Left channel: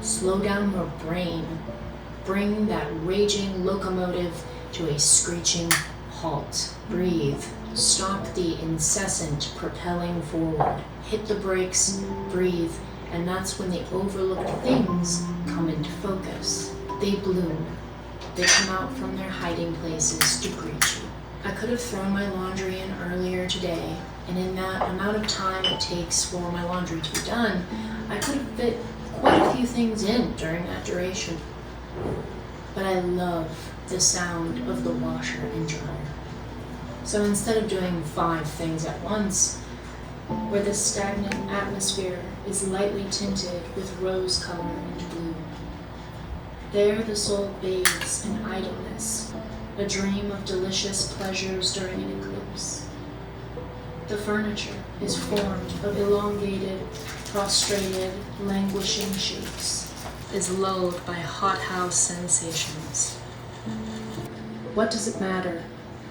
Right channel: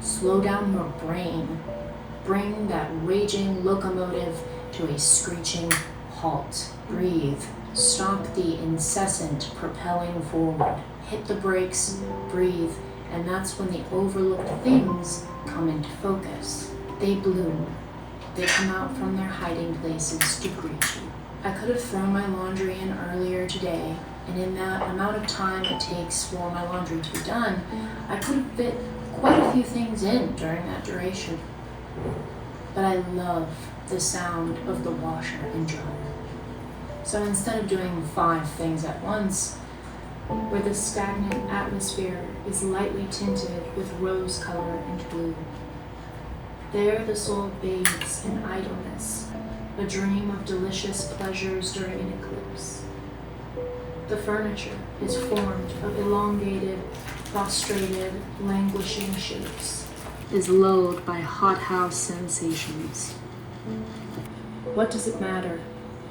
Slow down your brain. Bring that raging locomotive to a screeching halt. Breathe. Stop the incessant propelling forward. Hit the brakes, breathe, and that's when the overlooked things come into focus. They bloom. They come out from their hiding places to greet you. I could have thrown my laundry in earlier today, and in that amount of time it takes for my laundry to be done, I could have fit quite a few things in during that duration. But I love the sound of the washer and dryer. So instead of doing 5 things at once, where the stagnant atmosphere is lightly tinted with rose color and blue, there the soul bathes in idleness, a dream of delicious pleasures during an eclipse. The furniture is formed of elongated, prostrated, languishing shapes, is lulled by hothouse sensations. What does it matter?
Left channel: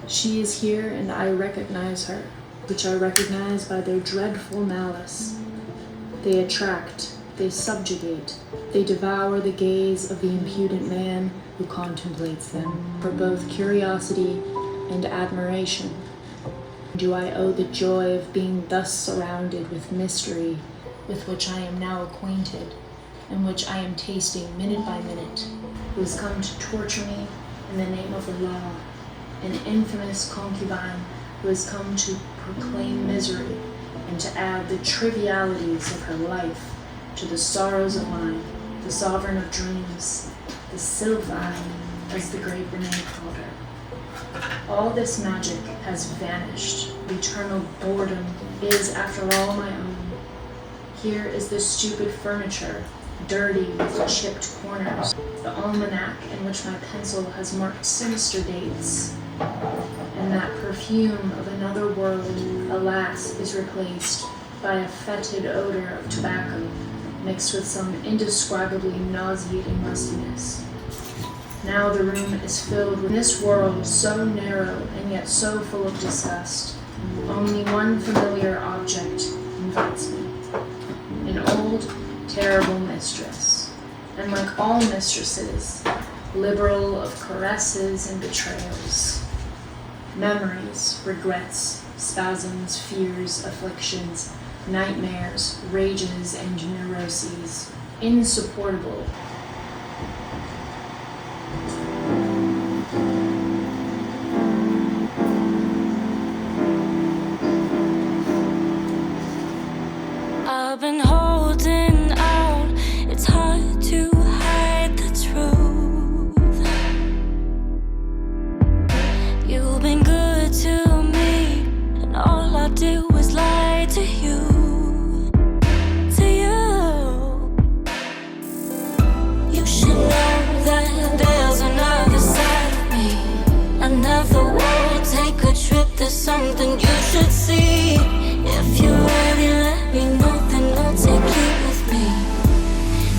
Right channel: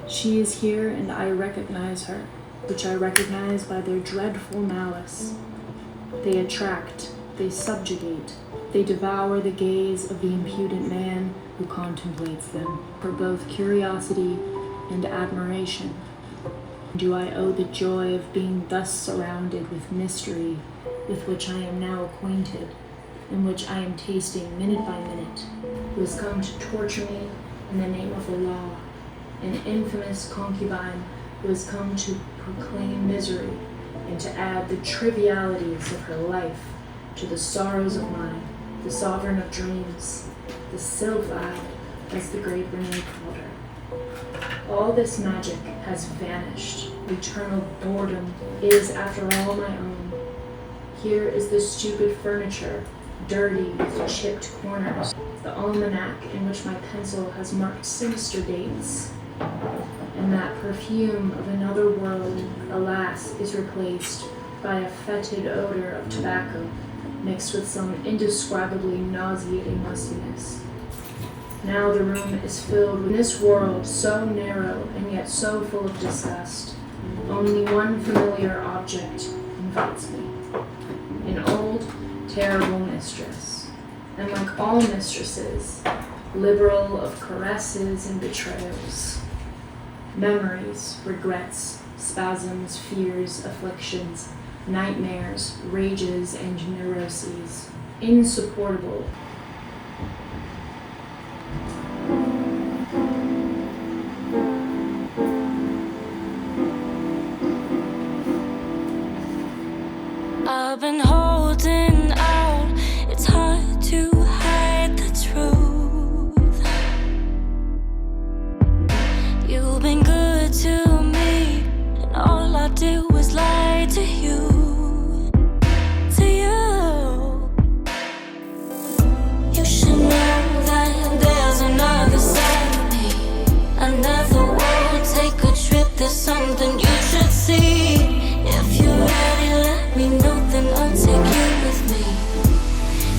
She is here and I recognize her, which I recognize by their dreadful malice. They attract, they subjugate, they devour the gaze of the impudent man who contemplates them, for both curiosity and admiration. Do I owe the joy of being thus surrounded with mystery, with which I am now acquainted, and which I am tasting minute by minute, who has come to torture me in the name of the law, an infamous concubine who has come to proclaim misery and to add the trivialities of her life to the sorrows of mine, the sovereign of dreams, the sylph idol, as the great Renee called her. All this magic has vanished. Eternal boredom is, after all, my own. Here is the stupid furniture, dirty with chipped corners, the almanac in which my pencil has marked sinister dates, and that perfume of another world, alas, is replaced by a fetid odor of tobacco mixed with some indescribably nauseating mustiness. Now the room is filled with this world so narrow and yet so full of disgust. Only one familiar object invites me, an old, terrible mistress, and like all mistresses, liberal of caresses and betrayers. Memories, regrets, spasms, fears, afflictions, nightmares, rages, and neuroses, insupportable. I've been holding out, it's hard to hide the truth. You've been good to me, and all I do is lie to you. You should know that there's another side of me. I never will take a trip, there's something you should see. If you're ready, let me know, then I'll take you with me.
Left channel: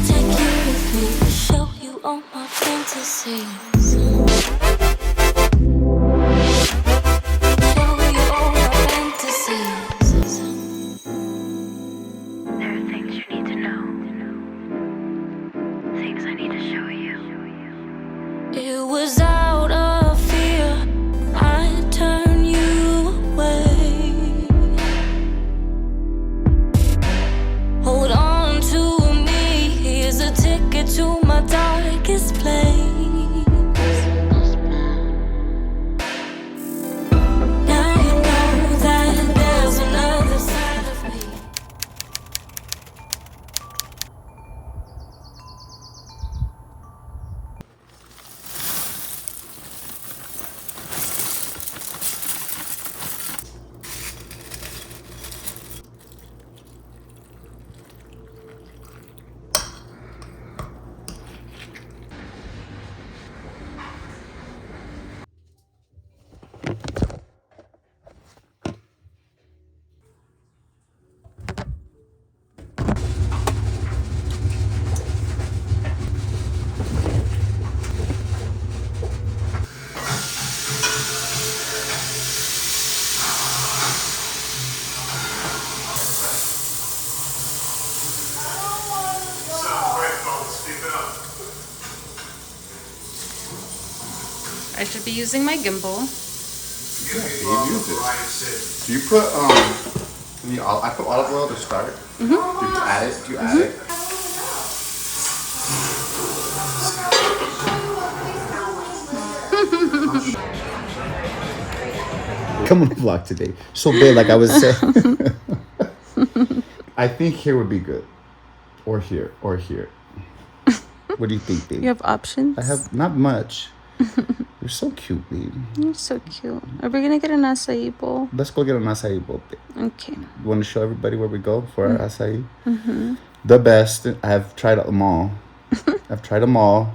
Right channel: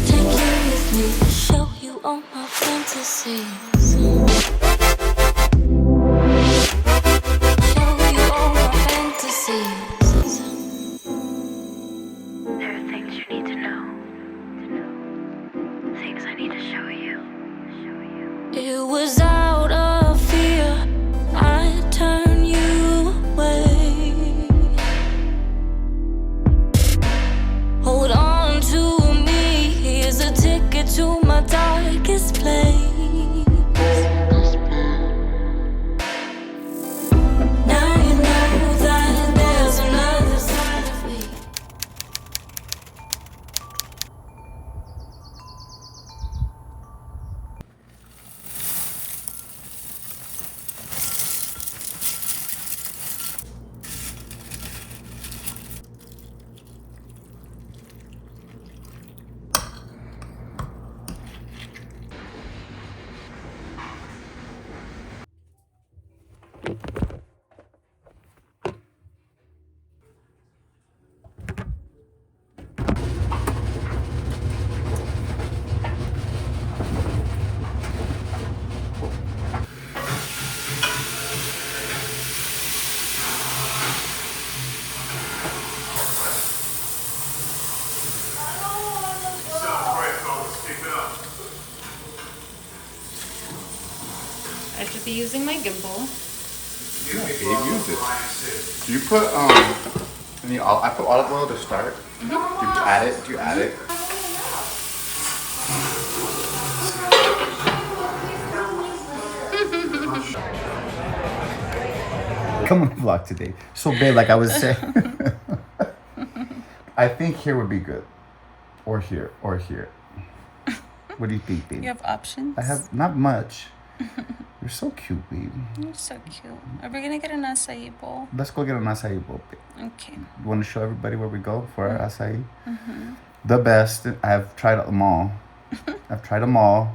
Take you with me to show you all my fantasies. Show you all my fantasies. There are things you need to know. Things I need to show you. It was out of fear I turned you away. Hold on to me, here's a ticket to my darkest place. I should be using my gimbal. Yeah, Dave, use it. Do you put I put olive oil to start. Do you add it? Do you add it? Come on the vlog today. So big, like I was. I think here would be good, or here, or here. What do you think, babe? You have options? I have not much. You're so cute, babe. You're so cute. Are we gonna get an acai bowl? Let's go get an acai bowl. Okay. You want to show everybody where we go for our acai? The best. I've tried them all. I've tried them all.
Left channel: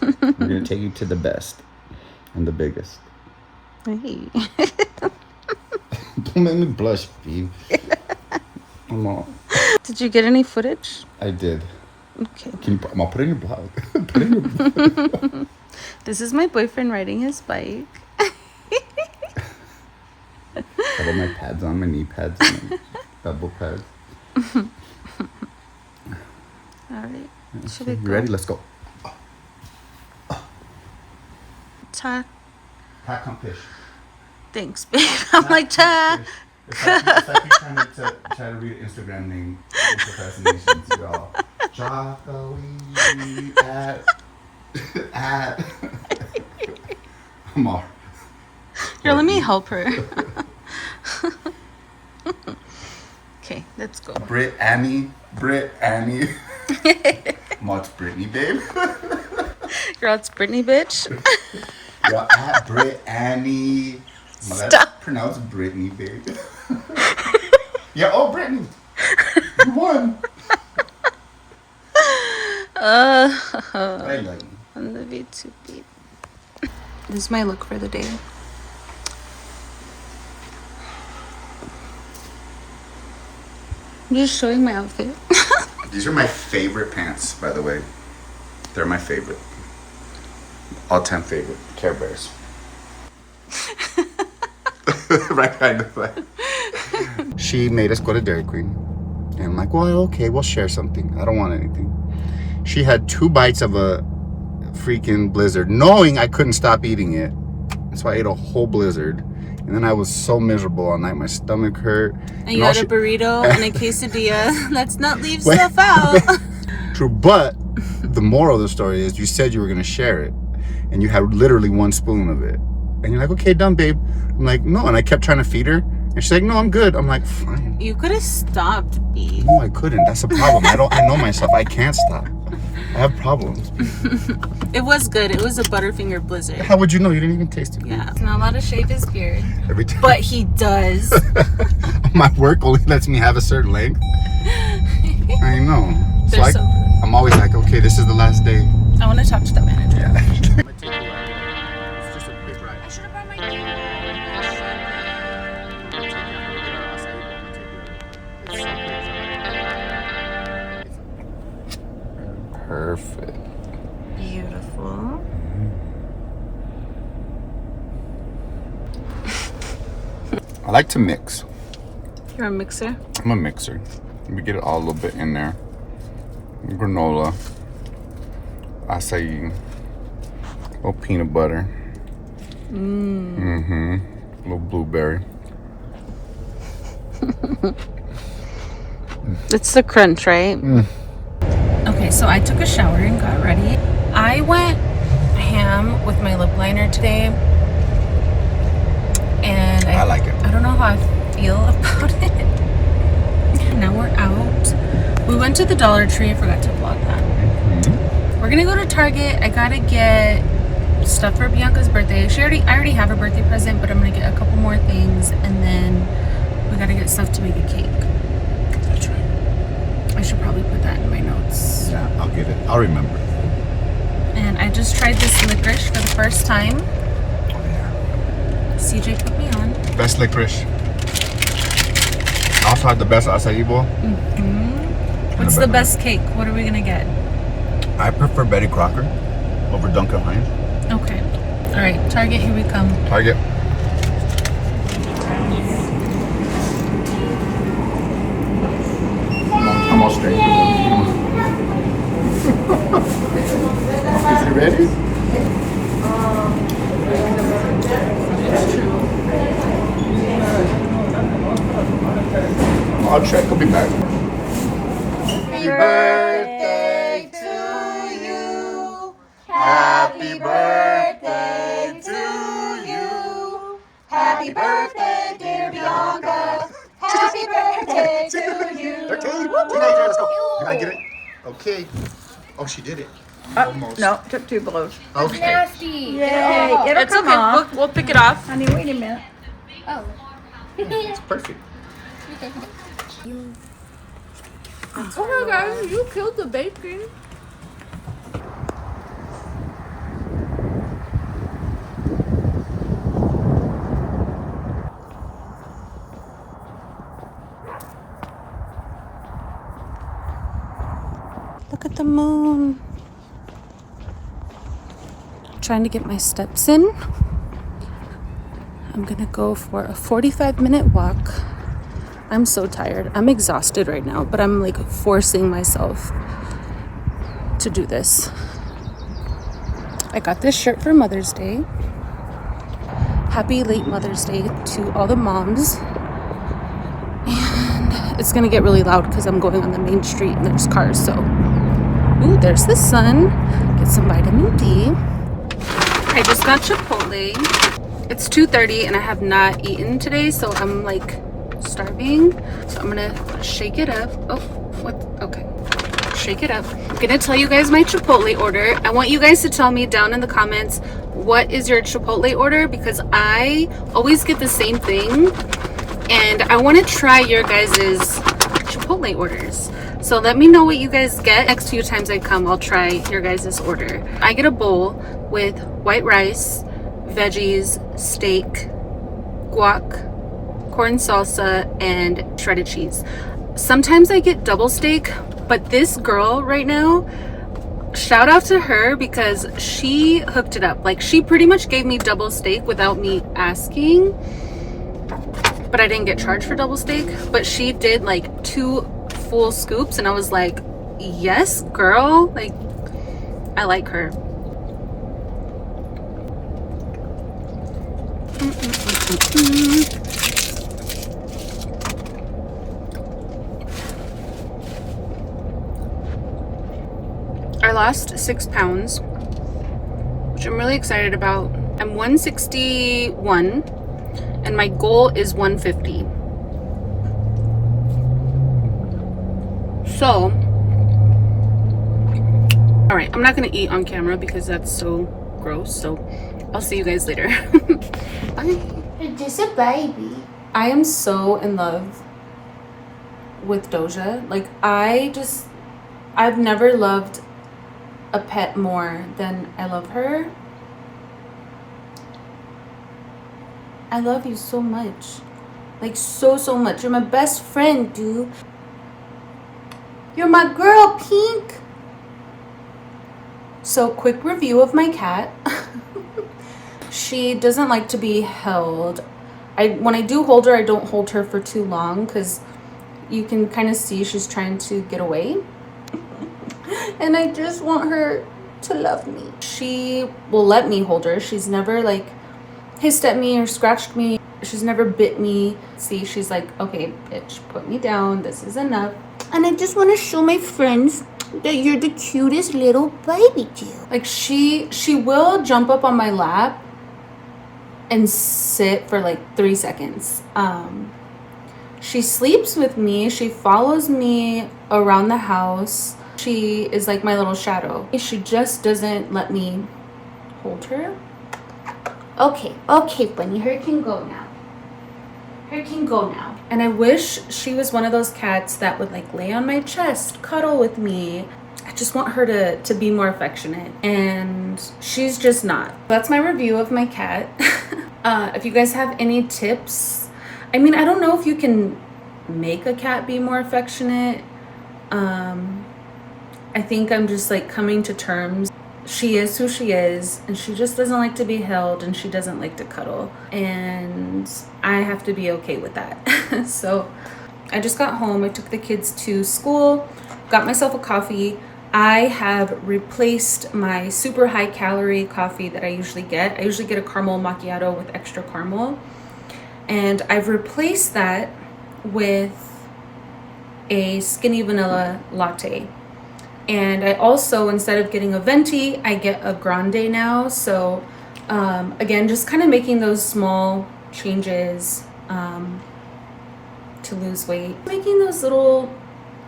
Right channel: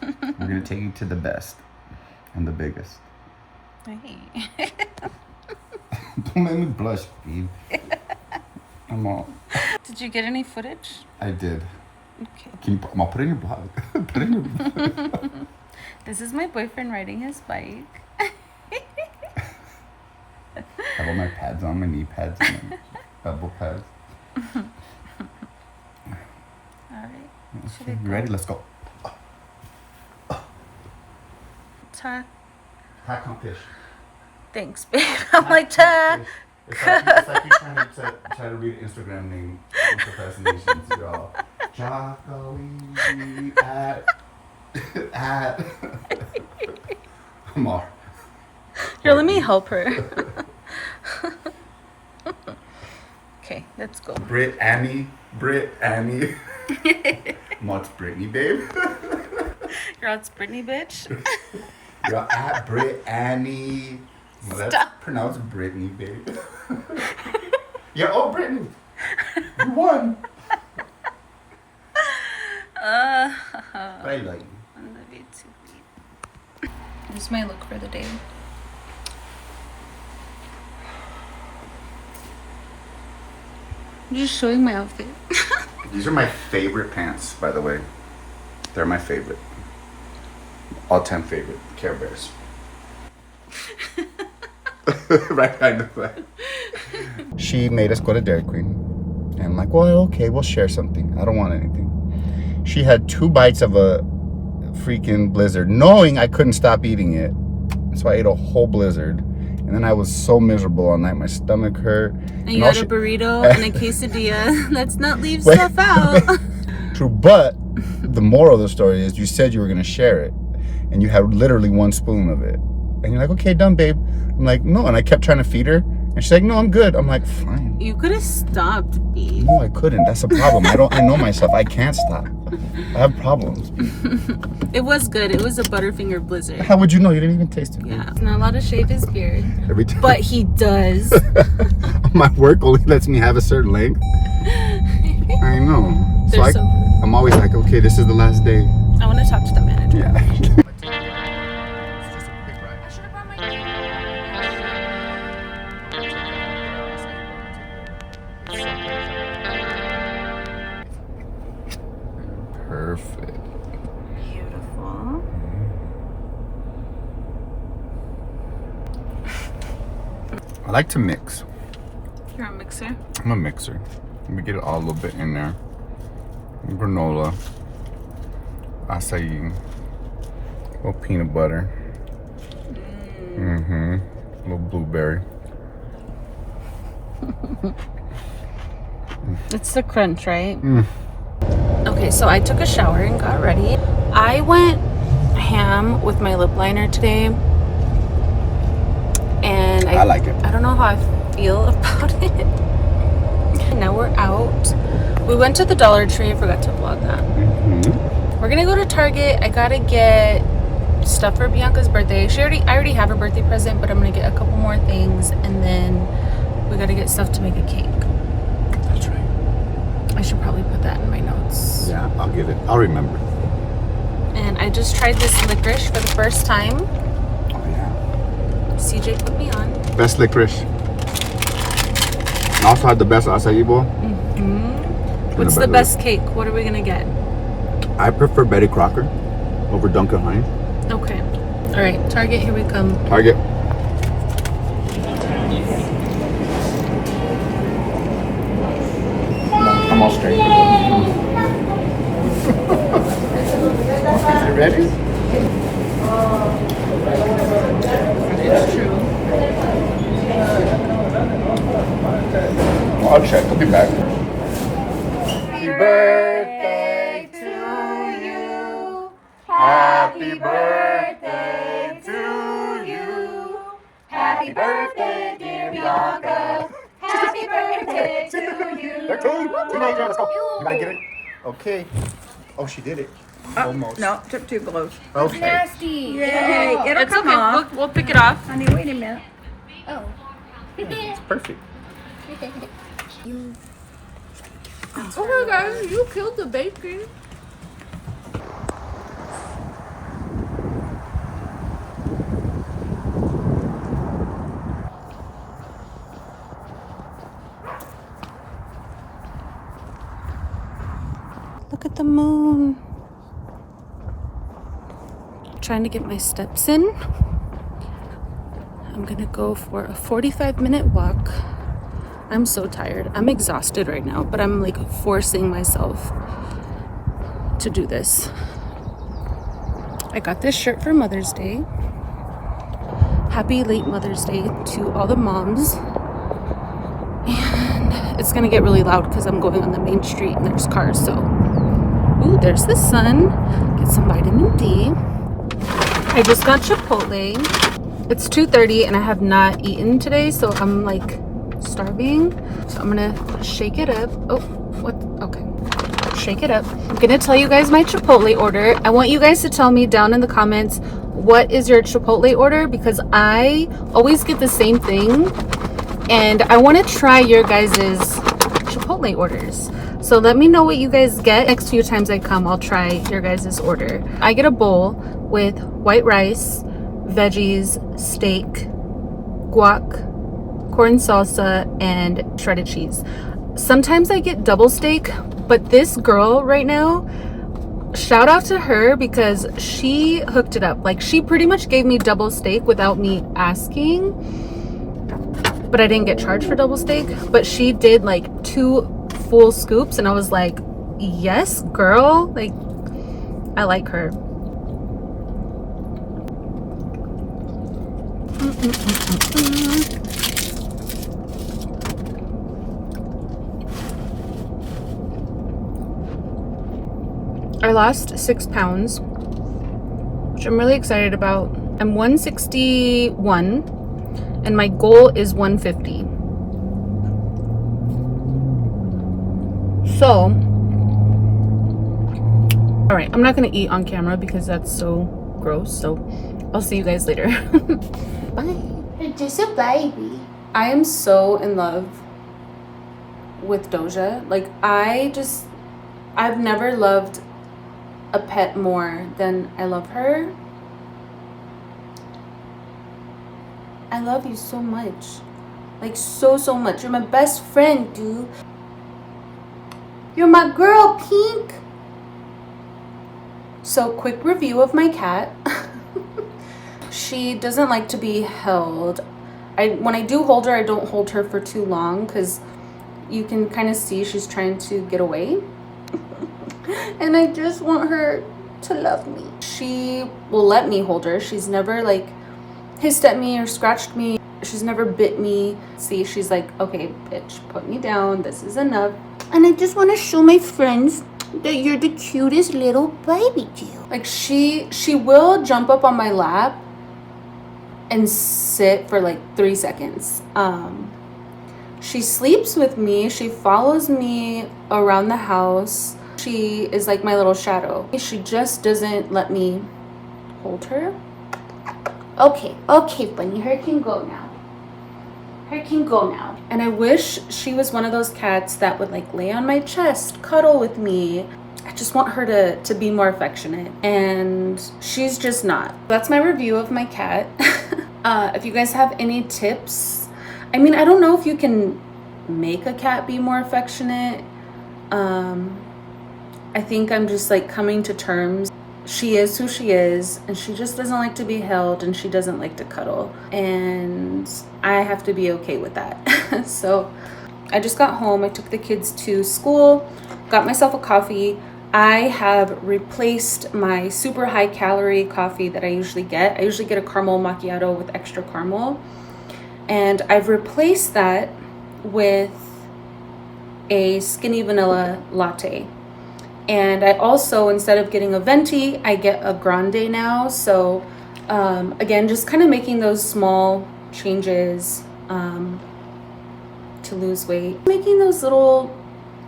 We're gonna take you to the best and the biggest. Hey. Don't make me blush, babe. I'm all. Did you get any footage? I did. Okay. I'm gonna put it in your blog. Put it in your blog. This is my boyfriend riding his bike. I have all my pads on, my knee pads, and my elbow pads. Alright. Should Okay, we you go? ready? Let's go. Ta. Pack competition. Thanks, babe. I'm like, ta. It's like you're trying to try to read Instagram name impersonations. You're all Jocko at. I'm all. Here, let me help her. Okay, let's go. Britt Annie. No, it's Brittany, babe. Girl, it's Brittany, bitch. You're at Britt Annie. No, that's pronounced Brittany, babe. Yeah, oh, Brittany. You won. I love you. I love you too, babe. This is my look for the day. I'm just showing my outfit. These are my favorite pants, by the way. They're my favorite. All-time favorite. Care Bears. Right, I know that. She made us go to Dairy Queen. And I'm like, well, okay, we'll share something. I don't want anything. She had 2 bites of a freaking Blizzard, knowing I couldn't stop eating it. So I ate a whole Blizzard. And then I was so miserable all night. My stomach hurt. And you had a burrito and a quesadilla. Let's not leave Wait, stuff out. True, but the moral of the story is you said you were going to share it. And you had literally 1 spoon of it. And you're like, okay, done, babe. I'm like, no. And I kept trying to feed her. And she's like, no, I'm good. I'm like, fine. You could have stopped, babe. No, I couldn't. That's a problem. I know myself. I can't stop. I have problems. It was good. It was a Butterfinger Blizzard. How would you know? You didn't even taste it. Yeah, he's not allowed to shave his beard. Every time. But he does. My work only lets me have a certain length. I know. So They're so good. I'm always like, okay, this is the last day. I want to talk to the manager. Yeah. I should have brought my Perfect. Beautiful. I like to mix. You're a mixer? I'm a mixer. We get it all a little bit in there. Granola, acai, a little peanut butter. A little blueberry. It's the crunch, right? Okay, so I took a shower and got ready. I went ham with my lip liner today. And I like it. I don't know how I feel about it. Now we're out. We went to the Dollar Tree. I forgot to vlog that. We're gonna go to Target. I gotta get stuff for Bianca's birthday. I already have a birthday present, but I'm gonna get a couple more things, and then we gotta get stuff to make a cake. That's right. I should probably put that in my notes. Yeah, I'll get it. I'll remember. And I just tried this licorice for the first time. Oh yeah. CJ put me on. Best licorice. Also had the best acai bowl. What's the best cake? What are we gonna get? I prefer Betty Crocker over Duncan Hines. Okay. All right, Target, here we come. Target. I'm all straight. Is it ready? birthday to you. Happy birthday to you. Happy birthday, dear Bianca. Happy birthday to you. 13. Did I get it? Okay. Oh, she did it. Almost. No, took 2 blows. Okay. Nasty. Yay, it'll It's come okay. off. We'll pick it off. Honey, wait a minute. Oh. It's perfect. Okay, guys, you killed the bacon. Look at the moon. Trying to get my steps in. I'm gonna go for a 45-minute walk. I'm so tired. I'm exhausted right now, but I'm like forcing myself to do this. I got this shirt for Mother's Day. Happy late Mother's Day to all the moms. And it's gonna get really loud because I'm going on the main street and there's cars, so. Ooh, there's the sun. Get some vitamin D. I just got Chipotle. It's 2:30 and I have not eaten today, so I'm like starving. So I'm gonna shake it up. Oh, what? Okay. Shake it up. I'm gonna tell you guys my Chipotle order. I want you guys to tell me down in the comments what is your Chipotle order, because I always get the same thing and I want to try your guys's Chipotle orders. So let me know what you guys get. Next few times I come, I'll try your guys' order. I get a bowl with white rice, veggies, steak, guac, corn salsa, and shredded cheese. Sometimes I get double steak, but this girl right now, shout out to her because she hooked it up. Like, she pretty much gave me double steak without me asking, but I didn't get charged for double steak. But she did like 2 full scoops and I was like, yes girl, like I like her. I lost 6 pounds, which I'm really excited about. I'm 161 and my goal is 150. So, all right, I'm not gonna eat on camera because that's so gross. So I'll see you guys later. Bye. You're just a baby. I am so in love with Doja. Like, I've never loved a pet more than I love her. I love you so much. Like, so much. You're my best friend, dude. You're my girl, Pink. So, quick review of my cat. She doesn't like to be held. When I do hold her, I don't hold her for too long because you can kind of see she's trying to get away. And I just want her to love me. She will let me hold her. She's never like hissed at me or scratched me. She's never bit me. See, she's like, okay, bitch, put me down. This is enough. And I just want to show my friends that you're the cutest little baby, Jill. Like, she will jump up on my lap and sit for like 3 seconds. She sleeps with me. She follows me around the house. She is like my little shadow. She just doesn't let me hold her. Okay, bunny, her can go now. Her can go now. And I wish she was one of those cats that would like lay on my chest, cuddle with me. I just want her to be more affectionate, and she's just not. That's my review of my cat. If you guys have any tips, I mean, I don't know if you can make a cat be more affectionate. I think I'm just like coming to terms. She is who she is, and she just doesn't like to be held, and she doesn't like to cuddle, and I have to be okay with that. So I just got home. I took the kids to school, got myself a coffee. I have replaced my super high calorie coffee that I usually get. I usually get a caramel macchiato with extra caramel, and I've replaced that with a skinny vanilla latte. And I also, instead of getting a venti, I get a grande now. So again, just kind of making those small changes to lose weight. Making those little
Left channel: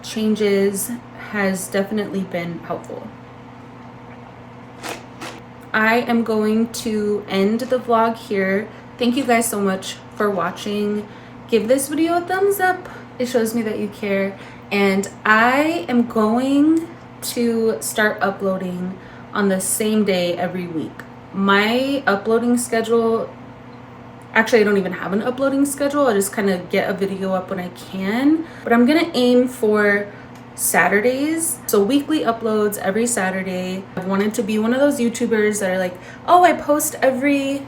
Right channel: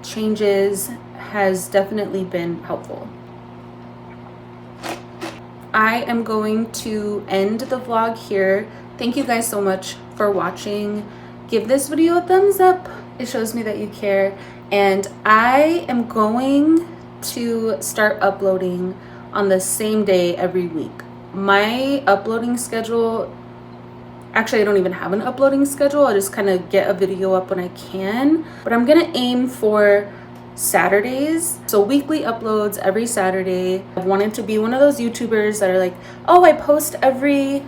changes has definitely been helpful. I am going to end the vlog here. Thank you guys so much for watching. Give this video a thumbs up. It shows me that you care. And I am going to start uploading on the same day every week. My uploading schedule, actually I don't even have an uploading schedule. I just kind of get a video up when I can, but I'm gonna aim for Saturdays, so weekly uploads every Saturday. I've wanted to be one of those YouTubers that are like, oh, I post every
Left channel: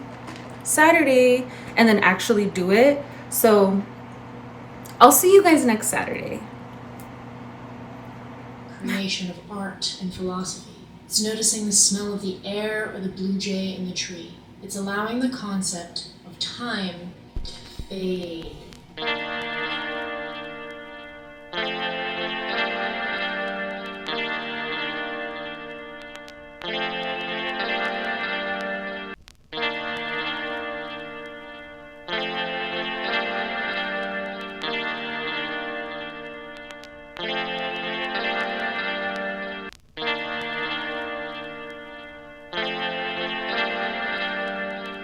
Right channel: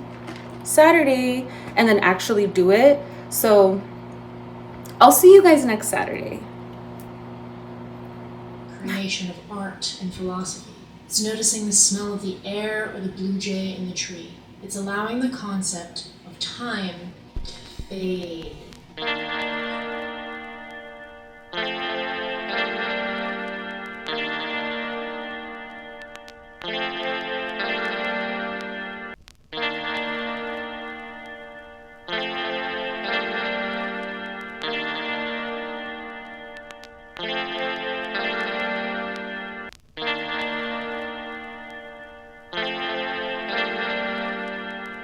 Saturday, and then actually do it. So I'll see you guys next Saturday. Creation of art and philosophy. It's noticing the smell of the air or the blue jay in the tree. It's allowing the concept of time to fade.